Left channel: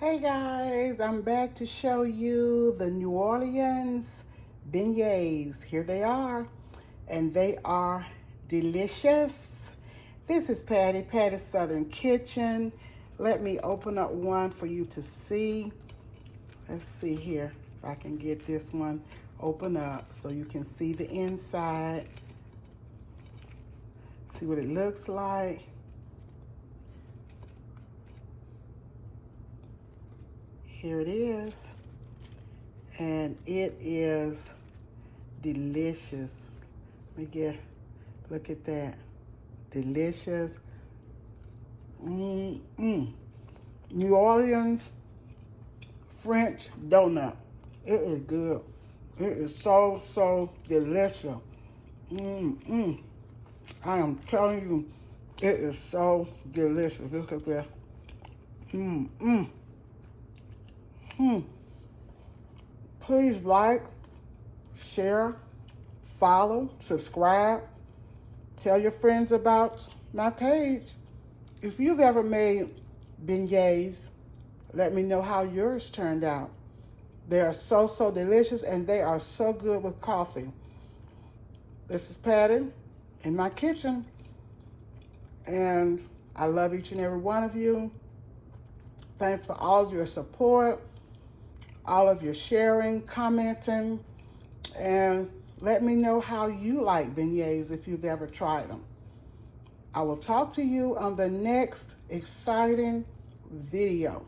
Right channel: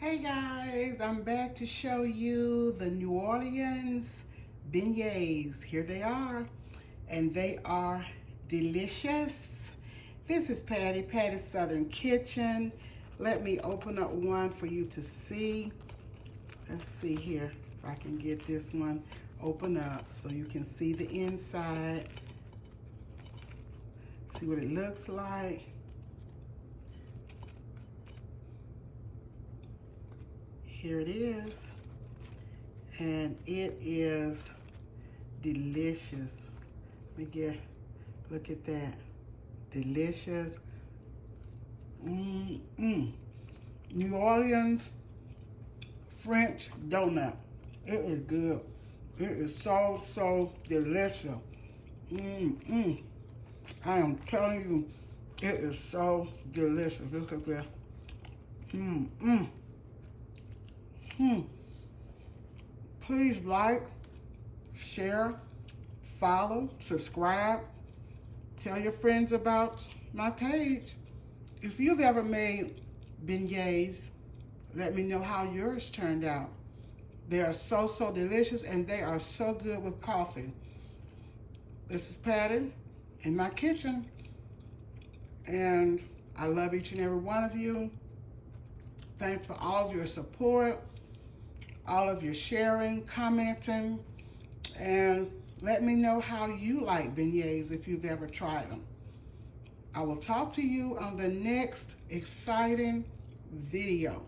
Hey guys, I'm back to show you the New Orleans beignets. Here they are, and they are delicious. This is Patty's Southern Kitchen. Let me open up one for you to see. Let's see here if I can get this one open up so you can see the inside. See what it looks like. Here it is, and it is delicious. Look at that, delicious. New Orleans French donut. It is good. It is so delicious. I am telling you, it is so delicious. Look at that. Please like, share, follow, subscribe. Tell your friends about my page. If you've ever made beignets, let me know how yours turned out. They are so delicious, and they are so good with coffee. This is Patti in my kitchen, and I love each and every one of you. Thanks for all of your support, all of your sharing, commenting, and let me know how you like beignets if you've ever tried them. I will talk to you on the next exciting video.